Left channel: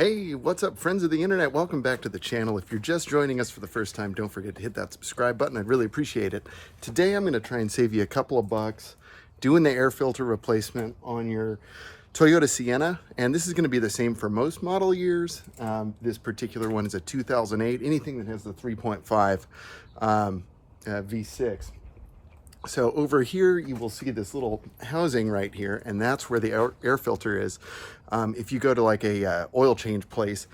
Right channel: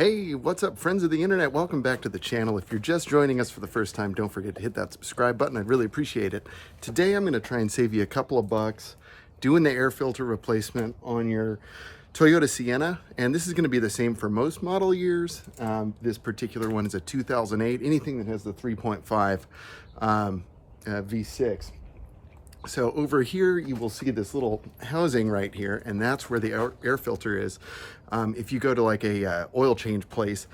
Hey, what's up, friends of the internet? Welcome back to the channel. If you're just joining us for the first time, don't forget to hit that subscribe button. I'd really appreciate it. Today, I'm going to try and save you a couple of bucks doing the air filter replacement on your Toyota Sienna. And this is going to be the same for most model years. This particular one is a 2008, anything that has the 3.5 V6. So over here, you will see this little housing right here, and that's where the air filter is. If you go to like a oil change place,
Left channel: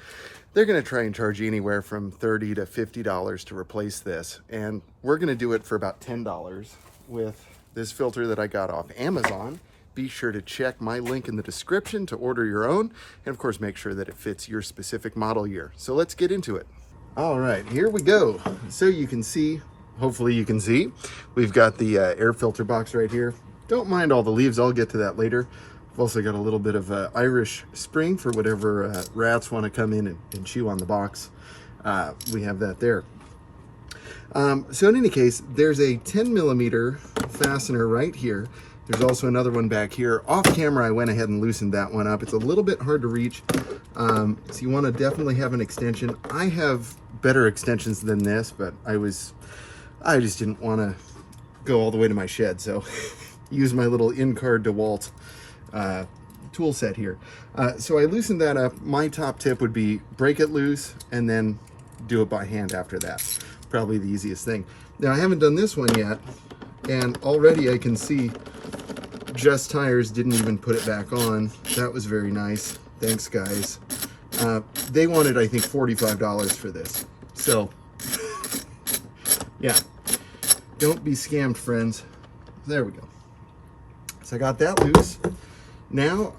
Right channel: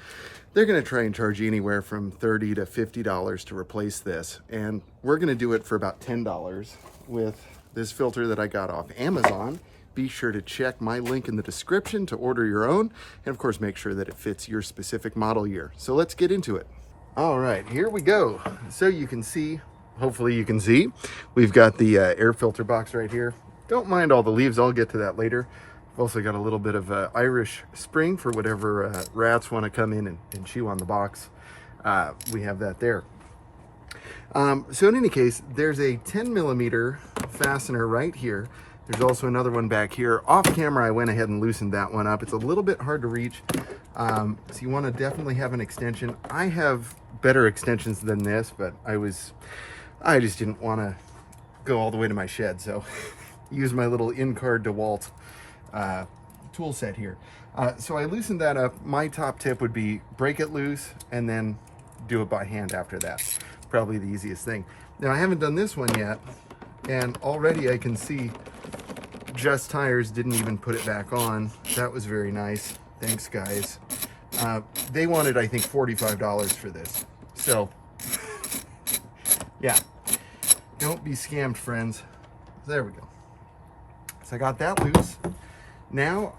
they're going to try and charge you anywhere from $30 to $50 to replace this. And we're going to do it for about $10 with this filter that I got off Amazon. Be sure to check my link in the description to order your own. And of course, make sure that it fits your specific model year. So let's get into it. All right, here we go. So you can see, hopefully you can see, we've got the air filter box right here. Don't mind all the leaves, I'll get to that later. I've also got a little bit of Irish spring for whatever rats want to come in and chew on the box. We have that there. So in any case, there's a 10 millimeter fastener right here. There's also another one back here. Off camera, I went ahead and loosened that one up. It's a little bit hard to reach, so you want to definitely have an extension. I have better extensions than this, but I just didn't want to go all the way to my shed, so use my little in-car DeWalt tool set here. So I loosened that up. My top tip would be break it loose and then do it by hand after that. Probably the easiest thing. Now I haven't done this one yet, and already I can see Just Tires didn't even put it back on. That was very nice. Thanks, guys. They wanted, I think, $45 for this. So yeah, don't be scammed, friends. There we go. So I got that loose. Now,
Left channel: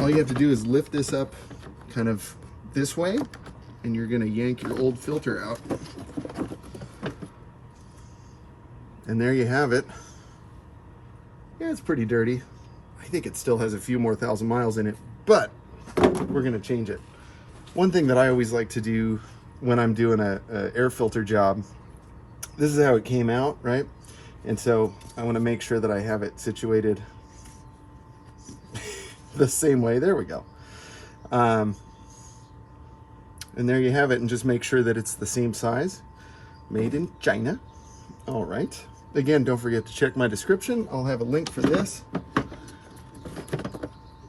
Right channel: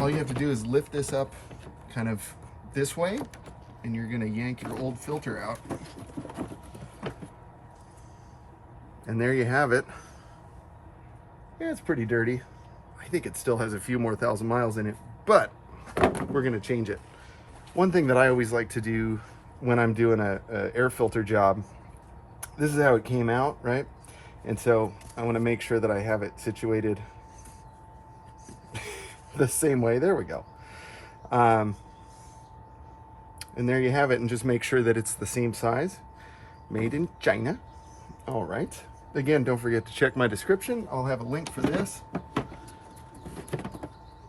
all you have to do is lift this up kind of this way, and you're gonna yank your old filter out. And there you have it. Yeah, it's pretty dirty. I think it still has a few more thousand miles in it, but we're gonna change it. One thing that I always like to do when I'm doing a air filter job, this is how it came out, right? And so I want to make sure that I have it situated the same way. There we go. And there you have it, and just make sure that it's the same size. Made in China. All right. Again, don't forget to check my description. I'll have a link for this.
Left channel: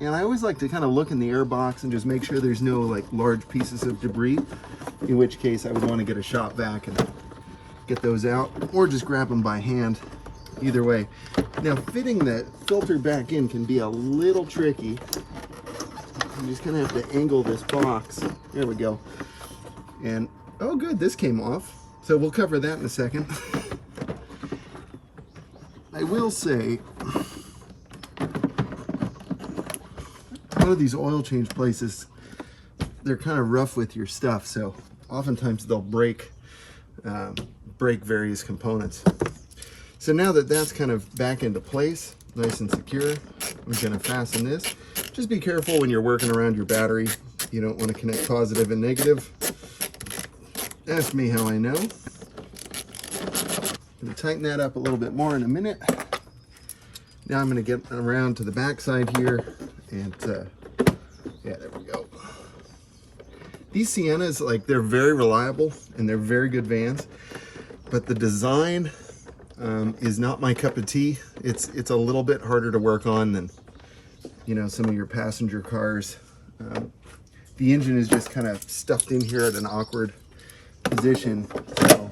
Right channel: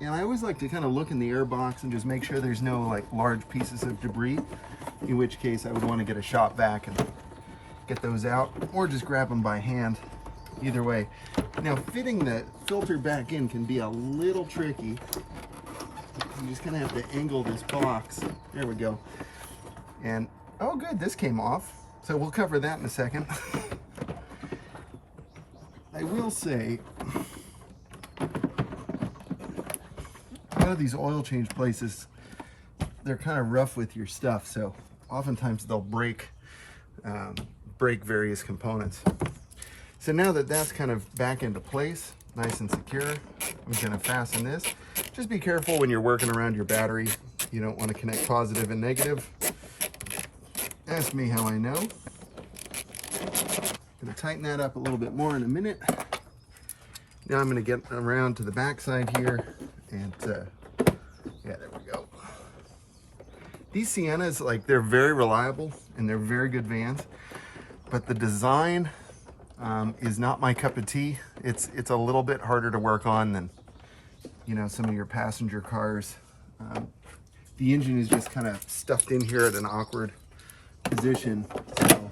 And I always like to kind of look in the air box and just make sure there's no like large pieces of debris, in which case I would want to get a shop vac and get those out, or just grab them by hand. Either way. Now, fitting the filter back in can be a little tricky. You just kind of have to angle this box. There we go. And oh good, this came off. So we'll cover that in a second. I will say, a lot of these oil change places, they're kind of rough with your stuff, so oftentimes they'll break various components. So now that that's kind of back into place, nice and secure, I'm going to fasten this. Just be careful when you're working around your battery. You don't want to connect positive and negative. Ask me how I know. I'm going to tighten that up a little bit more in a minute. Now I'm going to get around to the back side here, and yeah, there we go. These Siennas, like, they're very reliable and they're very good vans, but the design is not my cup of tea. It's a little bit harder to work on than, you know, some of your passenger cars. The engine is just kind of stuffed in here at an awkward position. So,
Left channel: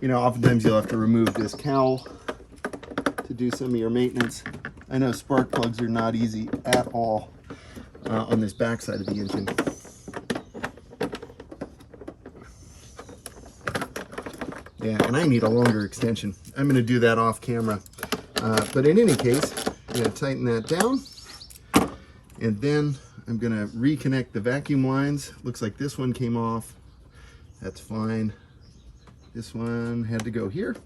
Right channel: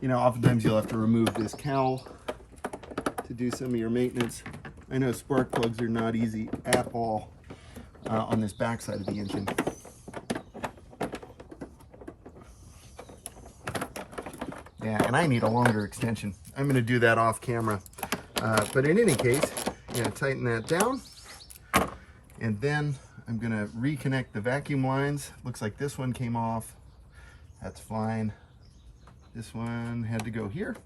you know, oftentimes you'll have to remove this cowl to do some of your maintenance. I know spark plugs are not easy at all on this back side of the engine. Yeah, and I need a longer extension. I'm going to do that off camera. But in any case, I'm going to tighten that down. And then I'm going to reconnect the vacuum lines. Looks like this one came off. That's fine. This one had to go here.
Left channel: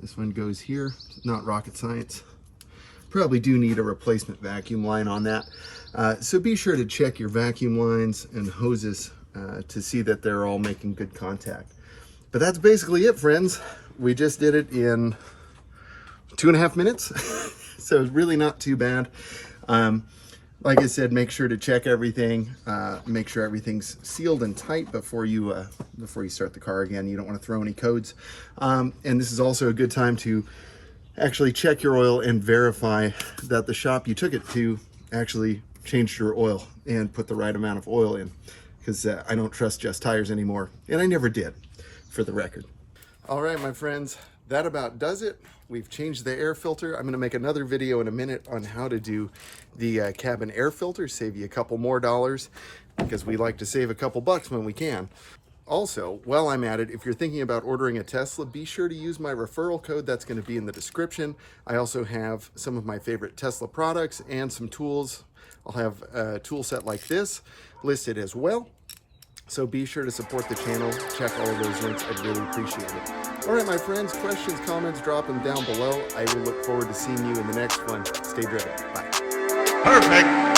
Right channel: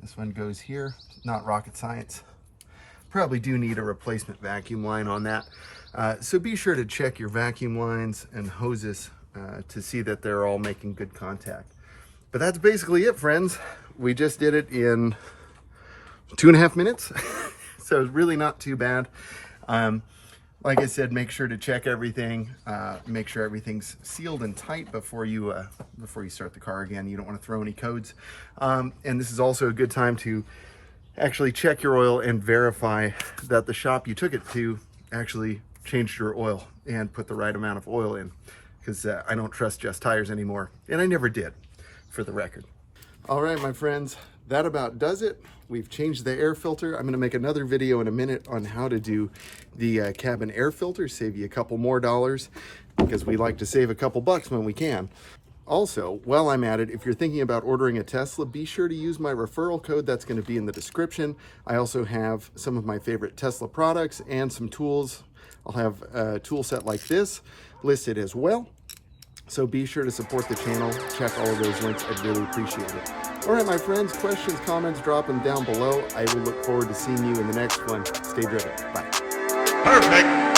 This one goes here. Not rocket science. Probably do need a replacement vacuum line on that. So be sure to check your vacuum lines and hoses to see that they're all making good contact. But that's basically it, friends. We just did it in 2.5 minutes. So it's really not too bad. Like I said, make sure to check everything, make sure everything's sealed and tight before you start the car again. You don't want to throw any codes. And this is also a good time to actually check your oil and verify that the shop you took it to actually changed your oil and put the right amount of oil in, because I don't trust Just Tires anymore, and I never did, for the record. All right, my friends, that about does it. We've changed the air filter. I'm going to make another video in a minute on how to do the cabin air filter, save you a couple more dollars, because we like to save a couple bucks when we can. Also, while I'm at it, if you're thinking about ordering a Tesla, be sure to use my referral code. That's going to be in the description. I also have some of my favorite Tesla products and some tools. I'll have a tool set like this listed as well. So be sure to support the channel. Check all of those links. I'd really appreciate it. All right, my friends, questions, comments, drop them down below. I will look forward to seeing you in the next one. Stay driven. Bye. Perfect.